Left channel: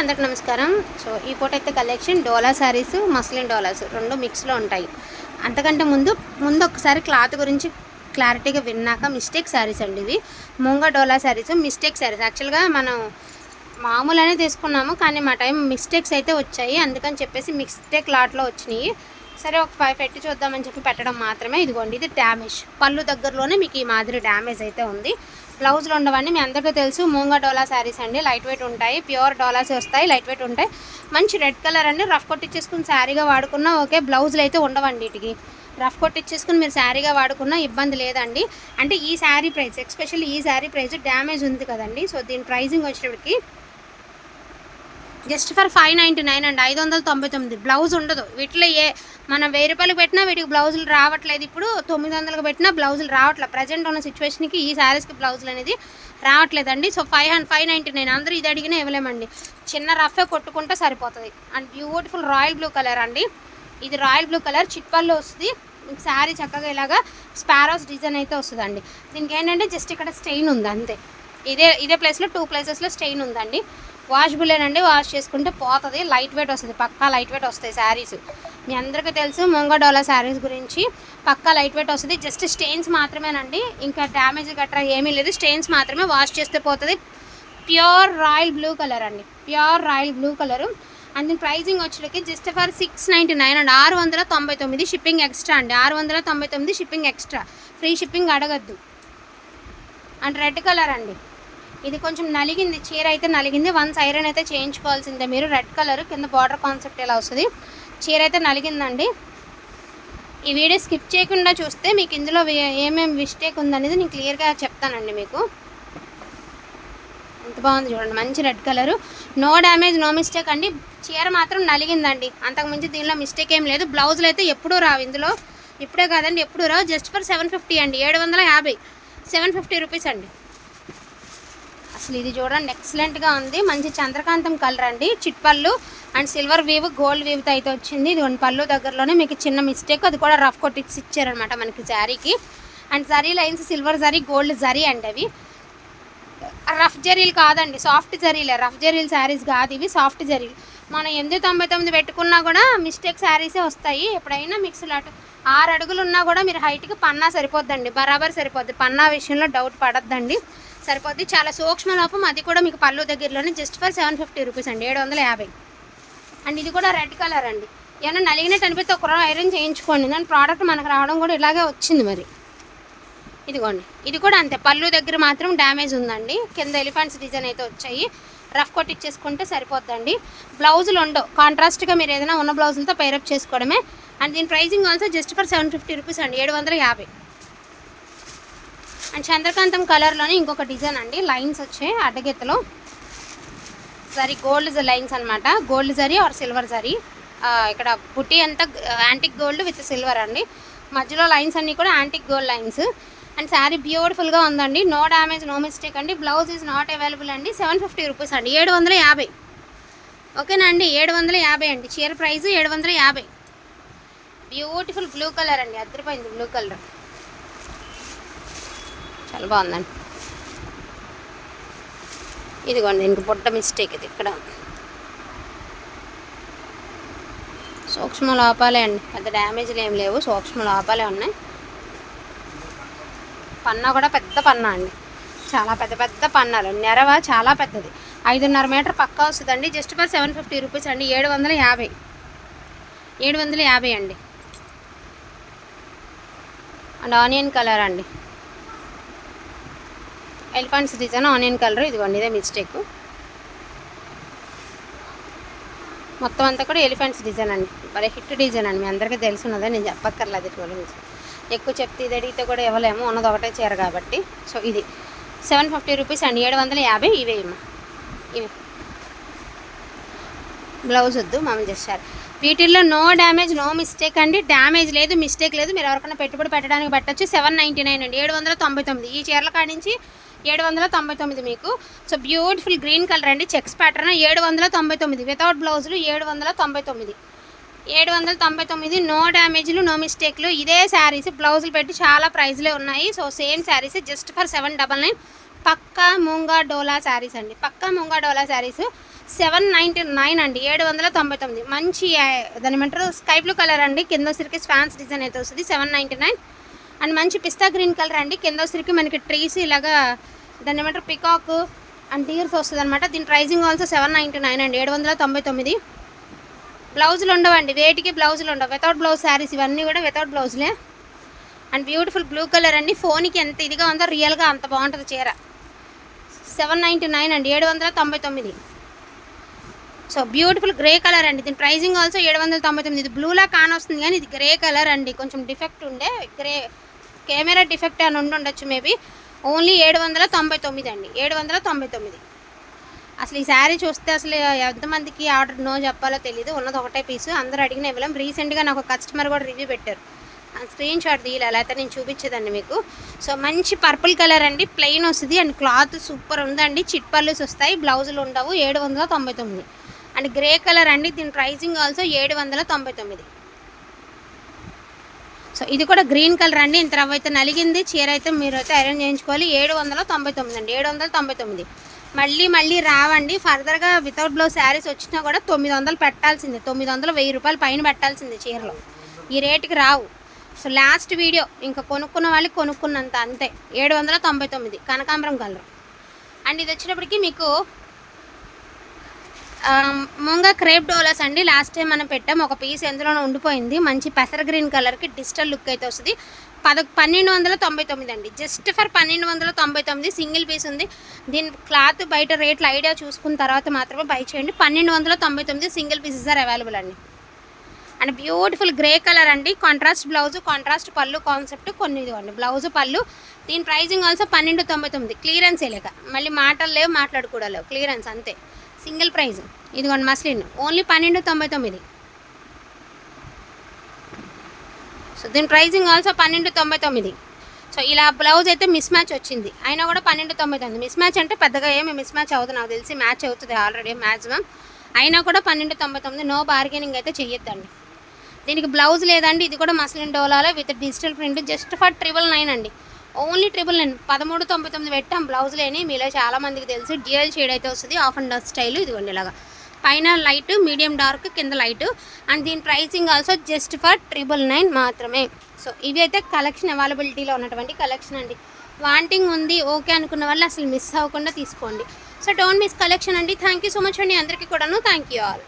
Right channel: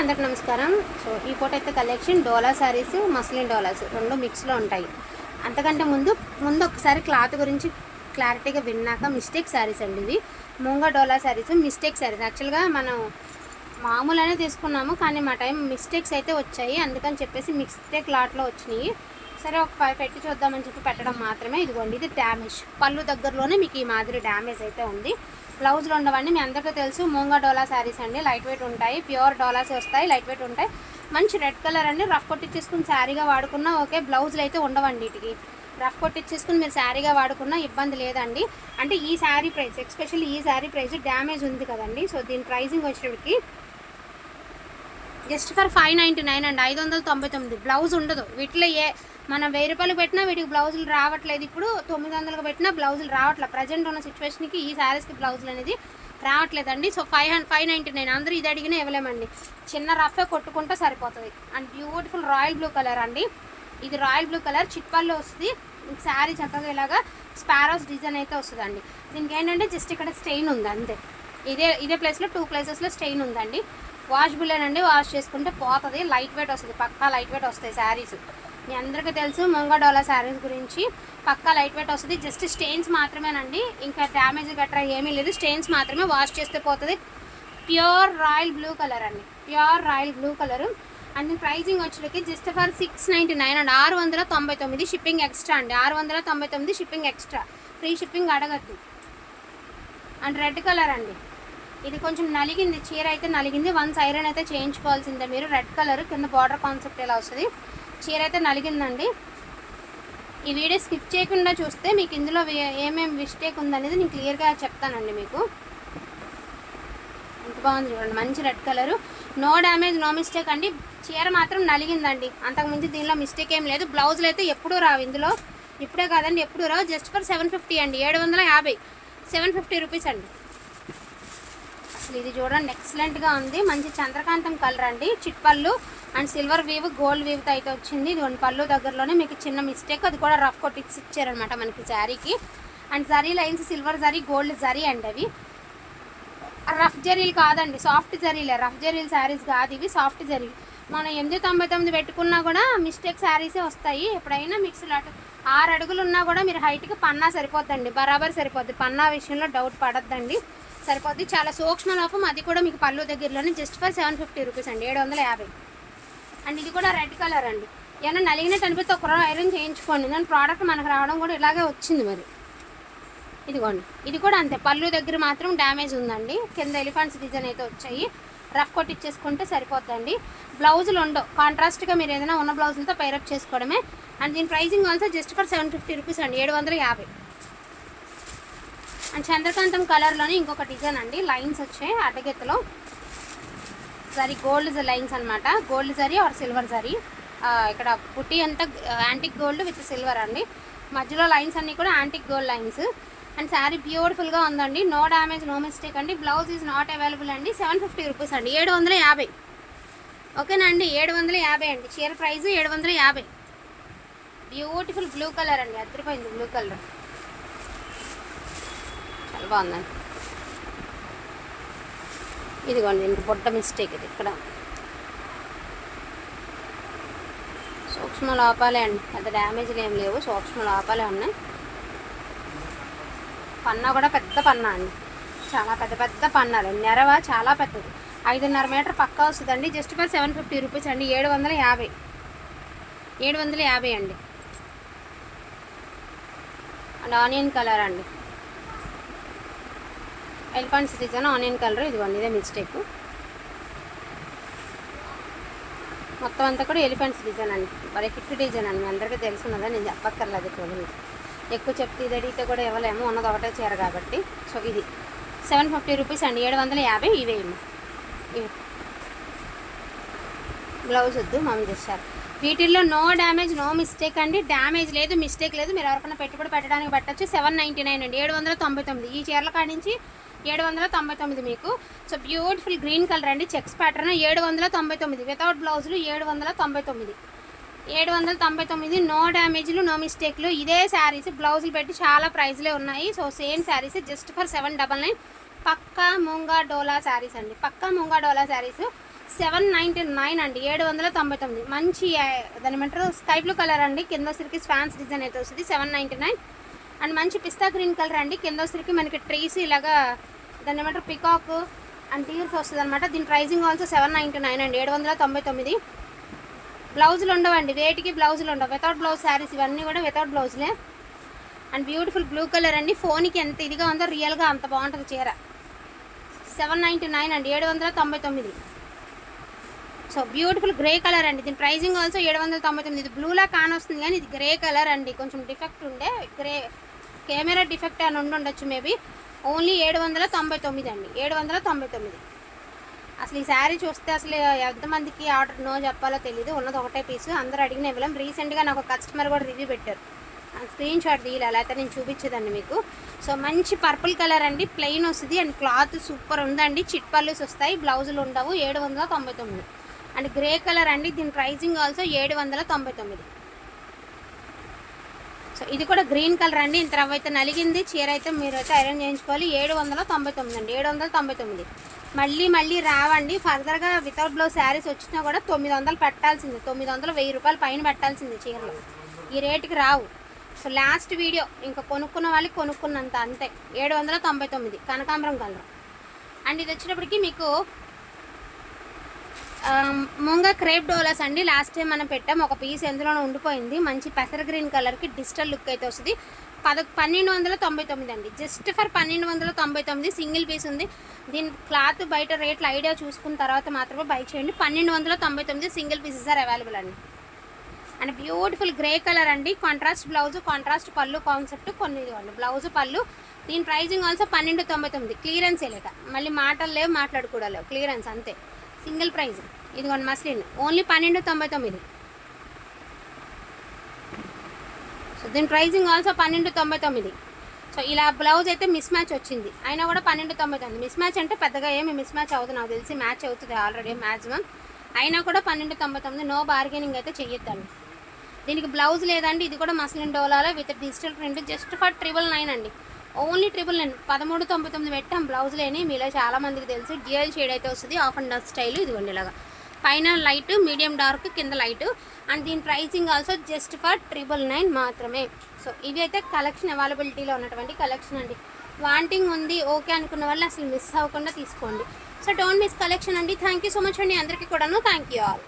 అందరికి నమస్కారం. సో ఈ పూట అయితే కలెక్షన్ డోలా శారీస్, మస్లిన్ డోలాస్ రెండు మిక్స్లో ఉంటాయి. అంతకంటే ముందు ఒకసారి క్లాత్ గురించి క్లారిటీగా విన్నాక మిస్టేక్ శారీస్ అండి ఇవి. మూంగా డోలా శారీస్ మిస్టేక్ శారీస్. యాక్చువల్గా మనం మామూలుగానే తీసుకున్నాము, కానీ మా టైం మిస్టేక్స్ అయితే వచ్చాయి. అందుకని చెప్పేసి మిస్టేక్ లాట్లో వచ్చినాయి. సరే ఒక 5 పెట్టి చూద్దామని చెప్పి పెట్టడం మాత్రమే. ఇదిగోండి, ఇది డ్యామేజ్ పళ్ళు దగ్గరలోనే మీకు ఈ మాదిరి డ్యామేజ్ అయితే ఉంది. బ్లౌజులు ఉండవండి, మీ అందరికీ తెలుసు. మూంగా డోలా శారీస్ అండి, లైట్ వెయిట్ ఉంటాయి, ప్యూర్ డోలాస్ వస్తాయి, లైట్ వెయిట్ ఉంటాయి. మంచి రెడ్ కలర్ అండి, రఫ్ కొట్టించేసుకుని శారీగా వాడుకున్నా ఓకే. బ్లౌజులు అయితే ఉండవండి, వీటికి రఫ్ కొట్టించేసుకుని మీరు శారీగా వాడుకున్నా ఇబ్బంది లేదండి. అంటే ఈ శారీ ప్రైస్, ఎస్పెషల్లీ ఈ శారీ ప్రైస్ డ్యామేజ్ ఉంది కదండి. సో దీని ప్రైజింగ్ వచ్చేటికి జస్ట్ ఫర్ 599 అండి, 599. బ్లౌజ్ ఉండదు వీటిలో. మనం 1000 రూపాయలు పెట్టినా వీటికి బ్లౌజులు రావట్లేదు. ఇప్పుడు 900కి పెట్టినా బ్లౌజులు రావట్లేదు. ప్రజెంట్ ఉన్న సిచ్యువేషన్కి ఈ శారీస్కి బ్లౌజులు అనేది రావట్లేదండి. సో 599 అందరూ ఇది అడిగినా ఇవ్వలేమండి. చిన్న రఫే కొట్టుకుంటే సరిపోతుంది. And beautiful royal blue colour అండి, ఇది రాయల్ బ్లూ కలర్ చిట్పల్లో వస్తుంది. మీకు శారీ చక్కగా ఇలాగా స్పారోస్ డిజైన్ అయితే వస్తుందండి. దీనికి ఏంటంటే జస్ట్ ఇక్కడ స్టెయిన్ ఉంది అంతే. ఇదే ప్లేస్లో 2 ప్లేసెస్లో స్టెయిన్ ఉందండి. వాషబులేనండి, వాష్ చేసుకుంటే పోతుంది. లైట్ వెయిట్ వస్తుంది, పక్కా లైట్ వెయిట్ వస్తాయి శారీస్. మీ అందరికీ తెలుసు మూంగా డోలా శారీస్ గురించి. పక్కా లైట్ వెయిట్ వస్తుంది. జస్ట్ స్టెయిన్స్ మాత్రమేనండి, ఇంకా డ్యామేజ్ గట్రా ఏమీ లేదు. స్టెయిన్స్ మాత్రమే, వాష్ చేస్తే పోతుంది. ప్యూర్ రాయల్ బ్లూ కలర్ అండి, pure royal blue colour. And దీని ప్రైజింగ్ వచ్చేటికి జస్ట్ ఫర్ 699 అండి, 699 షిప్పింగ్ ఎక్స్ట్రా అండి. 699 షిప్పింగ్ ఎక్స్ట్రా, ఫ్రీ షిప్పింగ్ అడగద్దు. అండ్ రెడ్ కలర్ అండి, ఇది కొంచెం నలిగింది, చీర అయితే నలిగింది. వన్స్ ఐరన్ అయితే చేయించుకోవాల్సిందే మీరు. రెడ్ కలర్ కింద బార్డర్ కాన్సెప్ట్ ఎలా వస్తుంది. చీర అయితే నలిగిందండి. ఈ వీడియో స్కిప్ చేయకుండా చూస్తే మీకు ఇందులో ఏమేమి మిస్టేక్ ఉందనేది నేను క్లియర్గా చెప్తానండి మీకు. ఎంత బాగుంది చూడండి, మంచి red colour. No damage, no mistake అండి. చీర మాత్రం నలిగిందండి, అంతకుమించి దీనిలో మిస్టేక్ ఏం లేదు. బ్లౌజులు అయితే ఎప్పుడూ రావు ఇందులో, ఇప్పుడే కాదండి ఎప్పుడూ రావు. జస్ట్ ఫర్ 750 అండి, 750, 750 రూపీస్ అండి. అసలు ఇది చూడండి ఎక్సలెంట్గా ఉంది. మంచి చంద్రకాంతం కలర్ అండి, చిట్పళ్ళు అండ్ సిల్వర్ వీవ్, గోల్డ్ వీవ్తో అయితే వచ్చింది. ఇది పళ్ళు దగ్గరలోనే మీకు చిన్న మిస్టేక్, అది కూడా రఫ్ కొట్టించి ఇచ్చారనమాట మనకి శారీకి. And zari lines silver zari, gold zari అండి. అవి రఫ్ జరీలు కాదండి, సాఫ్ట్ జరీలే. రఫ్ జరీలు శారీస్ కాదు ఇవి, సాఫ్ట్ జరీలు. మనం 899 పెట్టుకున్నా కూడా మిస్టేక్ శారీసే వస్తాయి. ఎప్పుడైనా మిక్స్డ్ 6 అడుగులు ఉన్నా కూడా మీరు హైట్కి పన్నా సరిపోద్దండి, బరాబర్ సరిపోద్ది. పన్నా విషయంలో డౌట్ పడద్దండి, సరిపోద్ది. చాలా సూక్ష్మ లోపం, అది కూడా మీకు పళ్ళు దగ్గరలోనే. జస్ట్ ఫర్ 750 రూపీస్ అండి, 750. అండ్ ఇది కూడా రెడ్ కలర్ అండి. ఏమైనా నలిగినట్టు అనిపిస్తే ఒక ఐరన్ చేయించుకోండి. దాని ప్రోడక్ట్ మనకు రావడం కూడా ఇలాగే వచ్చింది మరి. ఇదిగోండి, ఇది కూడా అంతే, పళ్ళు దగ్గర మాత్రం డ్యామేజ్ ఉందండి. కింద ఎలిఫెంట్స్ డిజైన్ అయితే వచ్చాయి, రఫ్ కొట్టించేసుకుంటే సరిపోద్దండి. బ్లౌజులు ఉండవు, కాంట్రాస్ట్గా మీరు ఏదైనా ఉన్న బ్లౌజులతో పైరప్ చేసుకోవడమే. అండ్ దీని pricing also just for 750 rupees అండి, 750. అండ్ చంద్రకాంతం కలర్లోనే ఇంకొక డిజైన్ అండి, లైన్స్ వచ్చాయి అడ్డగెత్తలో. జరీ గోల్డ్ లైన్స్ అనమాట, gold zari are silver zari. ఇక్కడ బుట్టి అంతా యాంటిక్ గోల్డ్ విత్ సిల్వర్ అండి. మధ్యలో లైన్స్ అన్నీ కూడా antique gold lines. And sari బ్యూటిఫుల్గా ఉందండి, నో డ్యామేజ్, నో మిస్టేక్ అండి. బ్లౌజ్ ఈజ్ నాట్ అవైలబుల్ అండి. 750 రూపీస్ అండి, 750. ఓకేనా అండి, 750 అండి. చీర ప్రైస్ 750. బ్యూటిఫుల్ బ్లూ కలర్ అండి, అదిరిపోయింది బ్లూ కలర్, చాలా బాగుందండి. ఇదిగోండి, ఇంక పొట్ట మిస్టేక్ ఇది ఇక్కడ. సూక్ష్మ లోపాలే అండి, పెద్ద డ్యామేజ్లు ఏం లేవు, సూక్ష్మ లోపాలే ఉన్నాయి. పన్నా కూడా పెద్ద పన్నా అండి, చాలా పెద్ద పెద్ద పన్నాలు. నెరవ చాలా పెద్దది, 5.5 మీటర్ పక్కా వస్తుందండి. జస్ట్ ఫర్ 750 రూపీస్ అండి, 750, 750 అండి. అండ్ ఆనియన్ కలర్ అండి, ఎలిఫెంట్స్ డిజైన్ ఆనియన్ కలర్. ఇదిగోండి, ఇదే మిస్టేక్. మొత్తం అంతా కూడా ఎలిఫెంట్స్ డిజైన్ అండి, మరి హిట్ డిజైన్ అండి, మీ అందరికీ తెలుసున్నదే, నేను చెప్పక్కర్లేదు. ఇటు గురించి ఎక్కువ చెప్తే ఇది అడిగితే కూడా ఇవ్వలేము, ఉన్నది ఒకటే చీర కాబట్టి. సో ఇది 750 రూపీస్ అండి, 750. ఇవి బ్లౌజ్ వద్దు, మామూలు చేశారు. వీటిల్లో నో డ్యామేజ్, నో మిస్టేక్ అండి. డ్యామేజ్ లేదు, మిస్టేక్ లేదు. మీరు ఎవరికైనా పెట్టుబడి పెట్టడానికి పెట్టచ్చు. 799 అండి, 799. ఈ చీరల కాడి నుంచి 799 మీకు. సో బ్యూటిఫుల్ గ్రీన్ కలర్ అండి, చెక్స్ ప్యాటర్న్, 799 వితౌట్ బ్లౌజులు, 799. 799, నో డ్యామేజ్లు, నో మిస్టేక్లు. ఇదే శారీస్ బ్లౌజులు పెట్టి చాలా ప్రైజ్లే ఉన్నాయి. So same saris just for 799. పక్కా మూంగా డోలా శారీస్ అండి, పక్కా మూంగా డోలా శారీస్. 799 అండి, 799. మంచి దాని ఏమంటారు స్కై బ్లూ కలర్ అండి, కింద వచ్చరికి ఫ్యాన్స్ డిజైన్ అయితే వస్తుంది 799. అండ్ మంచి పిస్తా గ్రీన్ కలర్ అండి, కింద వచ్చరికి మనకి ట్రీస్ ఇలాగా దాని ఏమంటారు పికాక్ అండ్ టీర్స్ వస్తుంది అనమాట. దీని ప్రైజింగ్ ఆల్సో 799 అండి, 799. బ్లౌజులు ఉండవండి, వేటికి బ్లౌజులు ఉండవు, వితౌట్ బ్లౌజ్ శారీస్ ఇవన్నీ కూడా వితౌట్ బ్లౌజ్లే. అండ్ బ్యూటిఫుల్ బ్లూ కలర్ అండి, ఫోన్కి ఎంత ఇదిగా ఉందో రియల్గా అంత బాగుంటుంది చీర. 799 అండి, 799. సో బ్యూటిఫుల్ గ్రే కలర్ అండి, దీని ప్రైజింగ్ ఆల్సో 799. ఇది బ్లూలా కానొస్తుంది కానీ ఇది గ్రే కలర్ అండి, కొంచెం డిఫెక్ట్ ఉండే గ్రే, కెమెరా డిఫెక్ట్ అని ఉండొచ్చు మేబీ. ఓన్లీ 799 అండి, 799. అసలు ఈ శారీ చూస్తే అసలు ఎంతమందికి ఆర్డర్ నో చెప్పాలో తెలియదు, ఉన్నది ఒకటే పీసు, అందరూ అడిగిన ఇవ్వలేం. రీసెంట్గా నాకు ఒక కస్టమర్ కూడా రివ్యూ పెట్టారు, స్క్రీన్ షాట్ తీయాలి అయితే నేను చూపించేదండి మీకు. సో మంచి పర్పుల్ కలర్ అండి, ప్లెయిన్ వస్తుంది అండ్ క్లాత్ సూపర్ ఉందండి, చిట్ పల్లూస్ వస్తాయి, బ్లౌజులు ఉండవు. 799. అండ్ గ్రే కలర్ అండి, దీని ప్రైజింగ్ ఆల్సో 799. సో ఇది కూడా గ్రీన్ కలర్ అండి, ఇంత రవ్వ అయితే నలిగింది చీర అయితే మీరు అయితే ఐరన్ చేయించుకోవాలి. 799 అండి, 799. మళ్ళీ రావండి ఫర్దర్గా వితౌట్ బ్లౌజ్ శారీస్ వచ్చినా కూడా 900 పెట్టాల్సిందే, 900 1000 రూపాయలు పైన పెట్టాల్సిందే చీరలు, ఈ రేటుకి రావు. సో లాస్ట్ వీడియో ఇంకా కొనుక్కున్న వాళ్ళకి కొనుక్కున్నంత అంతే. 799 కనకాంబరం కలర్. అండ్ ఇది వచ్చినప్పటికీ మీకు ముంగా క్రేప్ డోలాస్ అండి, లాస్ట్ టైం మనం పెట్టాం ఒక పీస్ ఎందులోనే ఉండిపోయింది. మంచి పెసర గ్రీన్ కలర్కి డిజిటల్ లుక్ అయితే వస్తుంది. 1299 అండి, జస్ట్ ఫర్ 1299 సింగిల్ పీస్ ఉంది. దీని క్లాత్ బయట రేట్లు ఐడియా చూసుకున్న తర్వాత మాత్రమే బై చేయండి. 1299 సింగిల్ పీసెస్ ఆర్ అవైలబుల్ అండి. అండ్ బ్యూటిఫుల్ గ్రే కలర్ అండి, కాంట్రాస్ట్ బ్లౌజ్ కాంట్రాస్ట్ పళ్ళు కాన్సెప్ట్ కొన్ని ఇదిగోండి బ్లౌజ్ పళ్ళు. దీని ప్రైజింగ్ ఆల్సో 1299. క్లియరెన్స్ లేక మళ్ళీ మాటలు లేవు, మాట్లాడుకోవడం లేవు, క్లియరెన్స్ అంతే, సింగిల్ ప్రైజ్. ఇదిగోండి మస్లిన్ ఓన్లీ 1299. సో దీని ప్రైజింగ్ ఆల్సో 1299. సో ఇలా బ్లౌజ్ అయితే మిస్ మ్యాచ్ వచ్చింది, అయినా కూడా 1299. మిస్ మ్యాచ్ అంటే పెద్దగా ఏమి మిస్ మ్యాచ్ అవుతుంది, నాకు తెలిసి మ్యాచ్ అవుతుంది ఆల్రెడీ మ్యాక్సిమం, అయినా కూడా 1299. నో బార్గెనింగ్ అయితే చెయ్యొద్దండి. దీనికి బ్లౌజ్ లేదండి, ఇది కూడా మస్లిన్ డోలాలో with digital print, just for 999 అండి, ఓన్లీ 999. 1399 పెట్టాం బ్లౌజ్ లేని, మీలో చాలామందికి తెలుసు. డ్యూయల్ షేడ్ అయితే వస్తుంది, ఆఫ్ అండ్ డస్ట్ స్టైల్. ఇదిగోండి ఇలాగా పైన లైట్, మీడియం డార్క్, కింద లైట్. అండ్ దీని ప్రైసింగ్ ఆల్సో జస్ట్ ఫర్ 999 మాత్రమే. సో ఇవి అయితే కలెక్షన్ అవైలబిలిటీలో ఉన్నటువంటి కలెక్షన్ అండి. వాంటింగ్ ఉంది ఓకే అనుకున్న వాళ్ళు అసలు మిస్ అవ్వకుండా తీసుకోండి. సో డోంట్ మిస్ కలెక్షన్ అండి. థ్యాంక్ యూ సో మచ్ అండి అందరికీ కూడాను, థ్యాంక్ యూ ఆల్.